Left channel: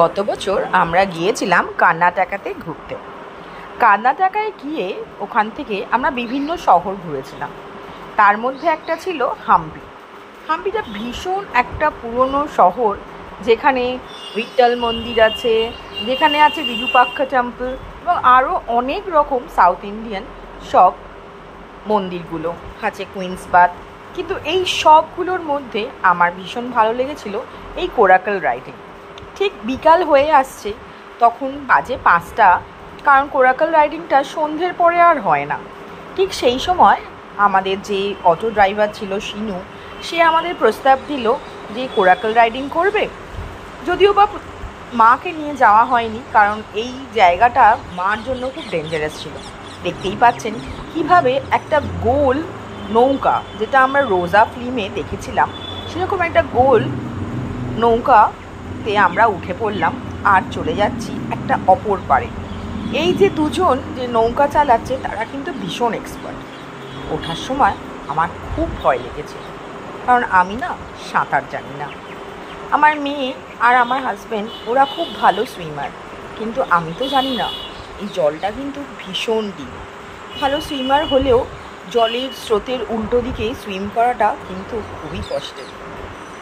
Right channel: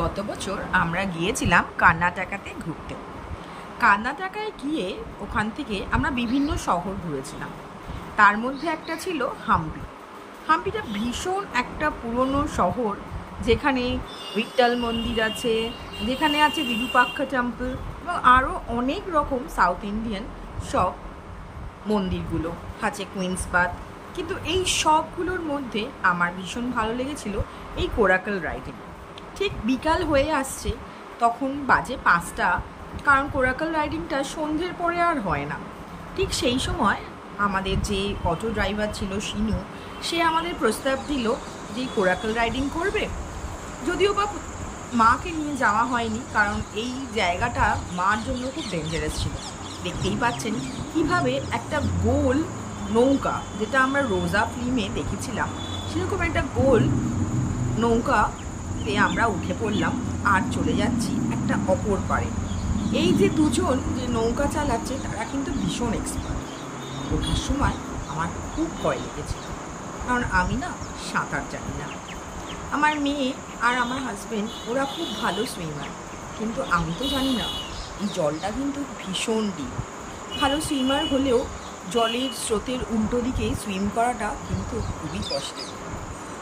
গত বছর আমরা গিয়েছিলাম কর্ণাটকাতে ঘুরতে। কর্ণাটকায় গিয়ে ওখান থেকে আমরা বিভিন্ন শহর ঘুরেছিলাম। তার মধ্যে একটা ছিল হাম্পি। হাম্পিটা ভীষণ একটা পুরনো শহর, যেখানে ভিট্টাল মন্দির আছে, যেখানে আছে বিরুপাক্ষ টেম্পল এবং আরও অনেক রকম সাউথ ইন্ডিয়ান সব মন্দিরগুলো আছে, কুইন্স বাথ। কিন্তু এই সবগুলোর মধ্যে আমার ভীষণ ভালো লেগেছিল এই কোরাকল রাইডিং। ঠিক বিকাল হয়ে আসছে, তখন বাজে 5টা, কারণ কোরাকল রাইডিংটা সন্ধ্যের পরে আর হয় না। ঠিক সেই সময় আমাদের যে অটো ড্রাইভার ছিল শিনু, সে আমাদের প্রস্তাব দিল যে কোরাকল রাইডিং করবে। যদিও বা মাকে নিয়ে যাওয়া হয়নি, কারণ এই জায়গাটা মার জন্য খুব ডেঞ্জারাস ছিল। দেখতেই পাচ্ছেন কিভাবে একটা গোল নৌকা, যেটা আমরা রোজা ফিল্মে দেখেছিলাম, সেরকম একটা গোল নৌকাতে আমরা উঠে পড়লাম আর চলে যাচ্ছি একটা অপর পারে। এই যে দুজন যে নৌকা চালাচ্ছে, তারা কিন্তু ভীষণ এক্সপার্ট। ওঠার সময় আমার খুব ভয় লেগেছে, কারণ আমি না সাঁতার জানি না। আমার মেয়ে আর আমার হাজব্যান্ড ওরা খুব ভালো সুইমার, কিন্তু আমি তো জানি না। এই জলটা কিন্তু ভীষণ ডিপ। ভালো সুইমার হলেও জলের স্রোতের উল্টো দিকে সুইম করাটা কিন্তু খুবই কষ্টের।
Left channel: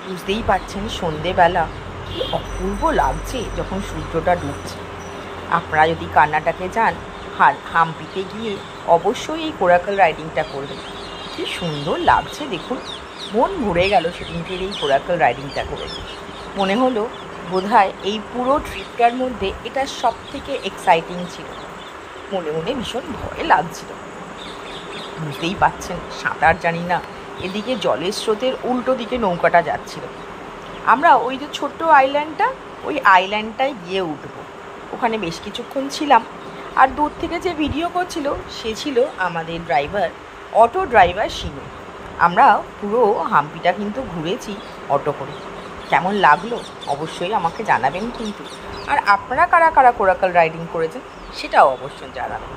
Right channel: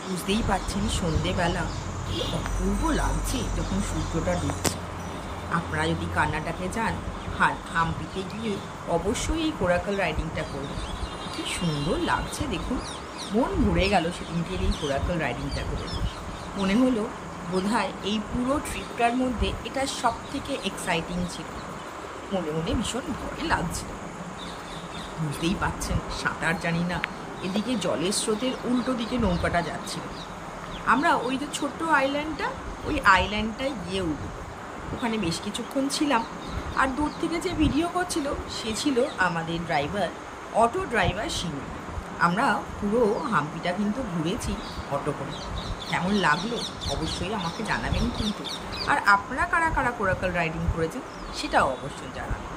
বুঝতেই পারছেন সন্ধেবেলা কি অপূর্ব লাগছে যখন সূর্যটা ডুবছে। আপনারা যদি কর্ণাটকে যান, হাম্পিতে গিয়ে অবশ্যই এই কোরাকল রাইডিংটা করবেন। কি সুন্দর লাগছে দেখুন, মন ভরে গেল সেদিনকের এই কোরাকল রাইডিংটা করে। মনে হলো বোধহয় এই পুরো ট্রিপটার মধ্যে এটা সব থেকে এক্সাইটিং ছিল। মনে মনে ভীষণ ভয় লাগছিল। বুঝতেই পারছেন সাঁতার জানি না, এদিকে জলের স্রোতের উল্টো দিকে নৌকাটা যাচ্ছিল। আমরা ওই যে ছোট্ট আইল্যান্ডটা, ওই আইল্যান্ডটায় গিয়ে উঠবো। ওখানে বেশ কিছুক্ষণ ছিলাম। আর দূর থেকে যে ভিডিও করছিল সে ছিল আমাদের ড্রাইভার, অটো ড্রাইভার শিনু। আমরা পুরো হাম্পিটা কিন্তু ঘুরেছি অটো করে। কেমন লাগলো অবশ্যই আমাকে জানাবেন কিন্তু। আর আপনারা কারা কারা কোরাকল রাইডিং করেছেন সেটাও অবশ্যই জানাবেন।